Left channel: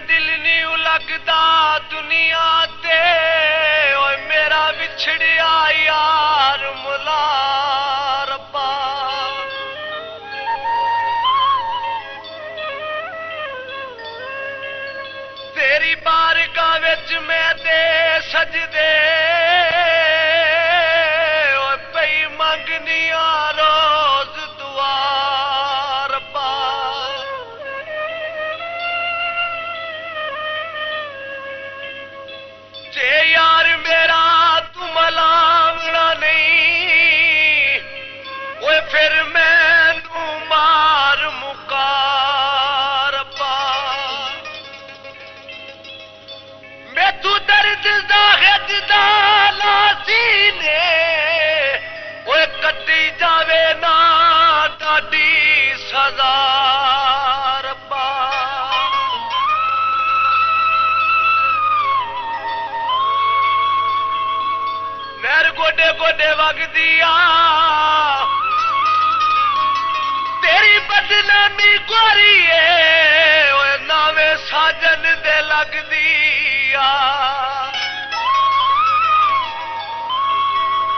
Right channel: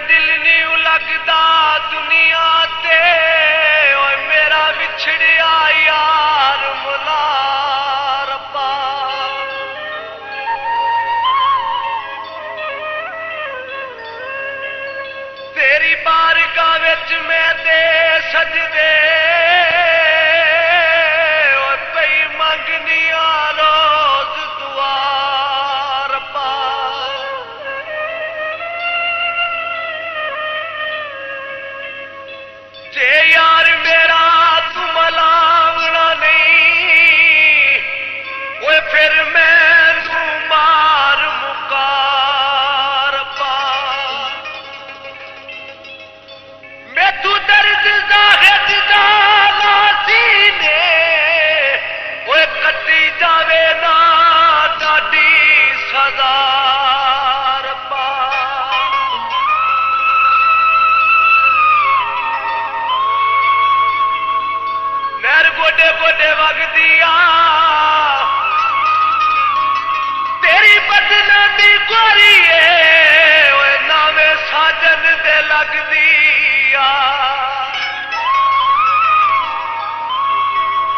दिल नहीं लगता दुनिया ते ओए मेरा बिछड़िया यार मुला रब्बा। तेरी बारगाह विच मैं दे सजदे ओए पई मंगनिया रोज दुआ रब्बा। जे यार मेरा तू मलावना नहीं ओए फिर मैं तू मार मुका रब्बा। मैं तू दर्द जाहिद दाना सीने ओए कटी जावे ना डाडी सजा रब्बा। नहर गोडे गोडे वगदिया तेरी बदनामी गोरीए ओए नावे साजन दे लगदिया।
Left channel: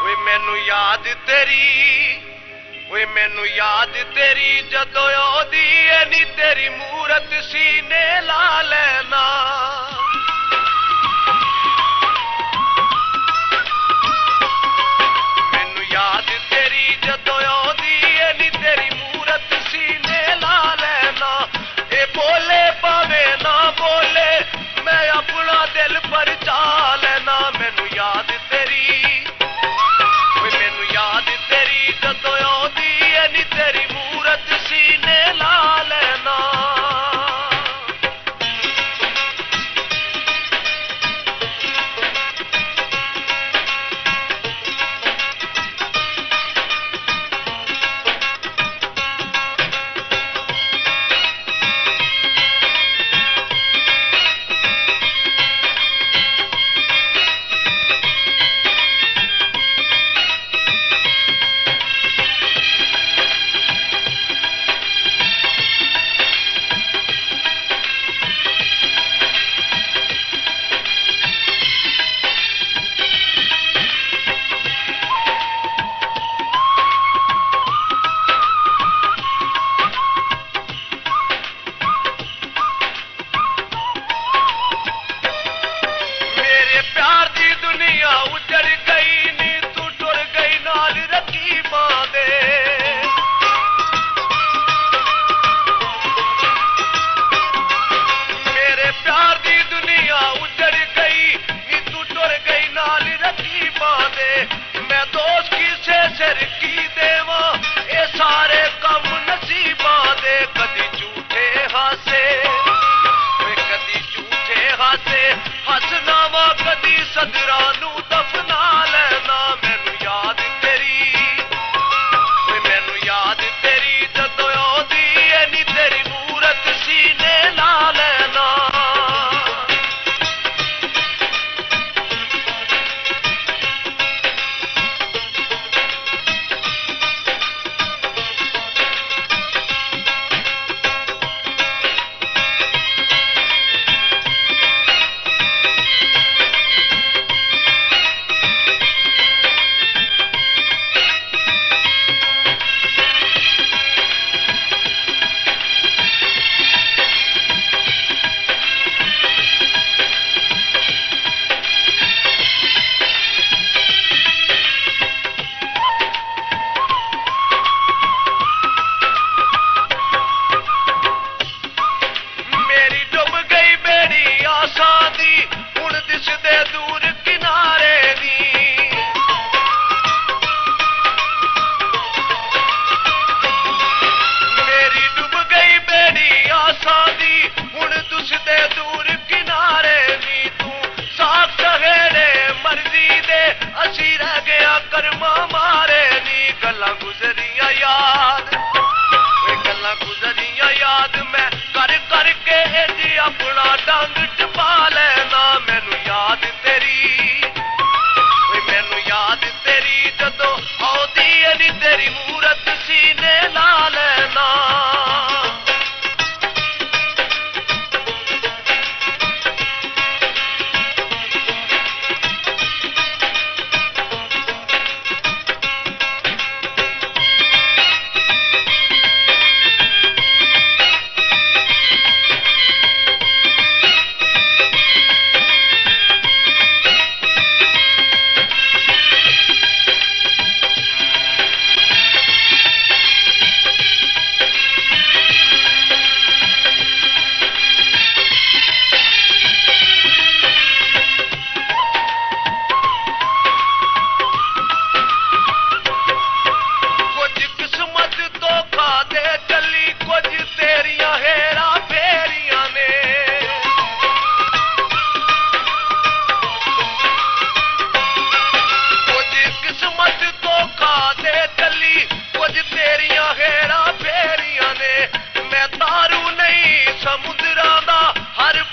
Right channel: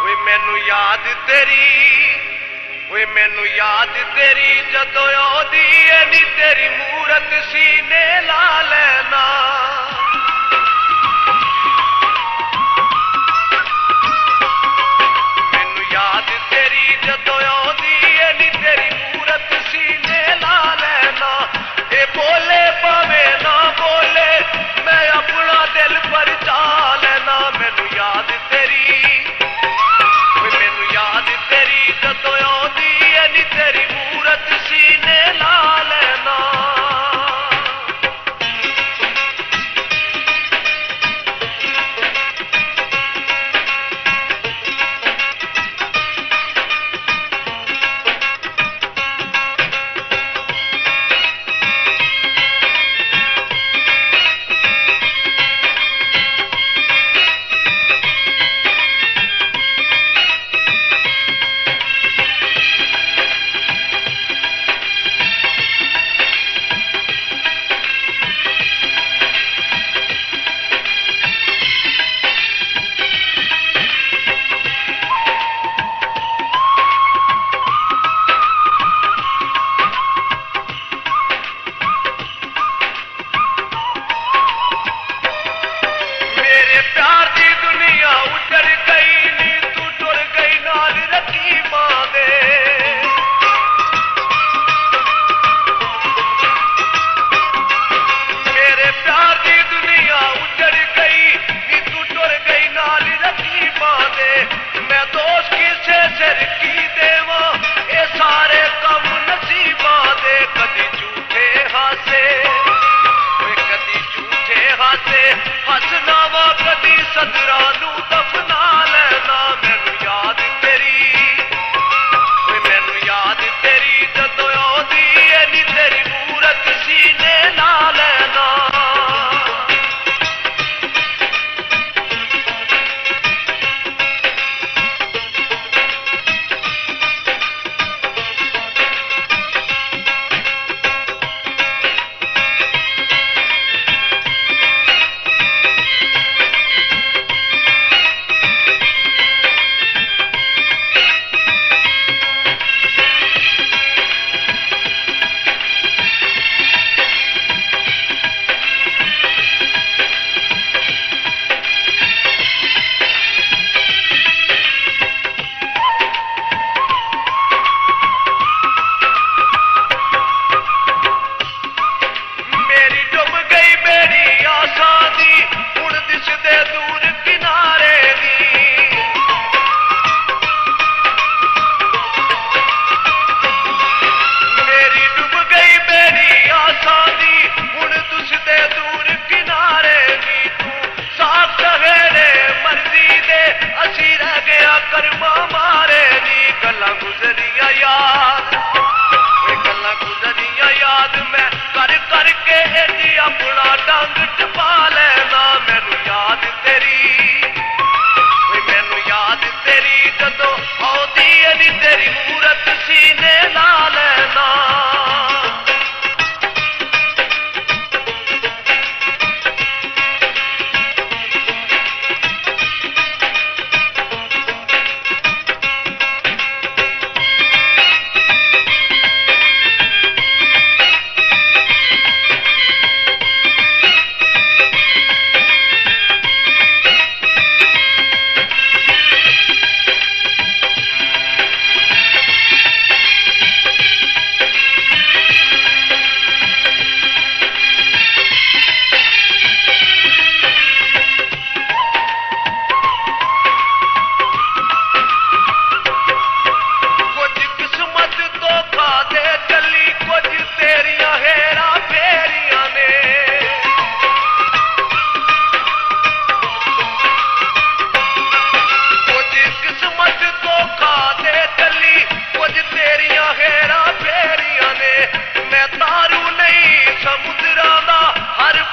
ओए मैनू याद तेरी ओए मैनू याद तेरी जदों आउंदी ऐ नी तेरी मूरत सीने ला लेना। याद तेरी जदों आउंदी ऐ नी तेरी मूरत सीने ला लेना। ए बोले पावे ना बोले मैं अपना दिल पर चा लेना। मैनू याद तेरी मैनू याद तेरी जदों आउंदी ऐ नी तेरी मूरत सीने ला लेना। सारे कम नसीबा दे कदी झूठे हासे कदी झूठे हासे हसना वा कदी सदरा नू दफना लेना। मैनू याद तेरी जदों आउंदी ऐ नी तेरी मूरत सीने ला लेना। दूर किनारे दी मेरी डूब गई बेड़ी आसा दी हुण तुसदे दूर किनारे दी। तू साफ सवेरे मर्जी दे असी रह गया कर्मा मारे दी। गल्लां गुजरिया याद गल्लां गुजरिया याद मैं कर करके जी अपना डंग टपा लेना। मैनू याद तेरी जदों आउंदी ऐ नी तेरी मूरत सीने ला लेना।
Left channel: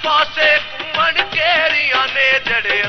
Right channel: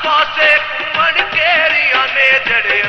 पासे घूमन केरिया ने जड़े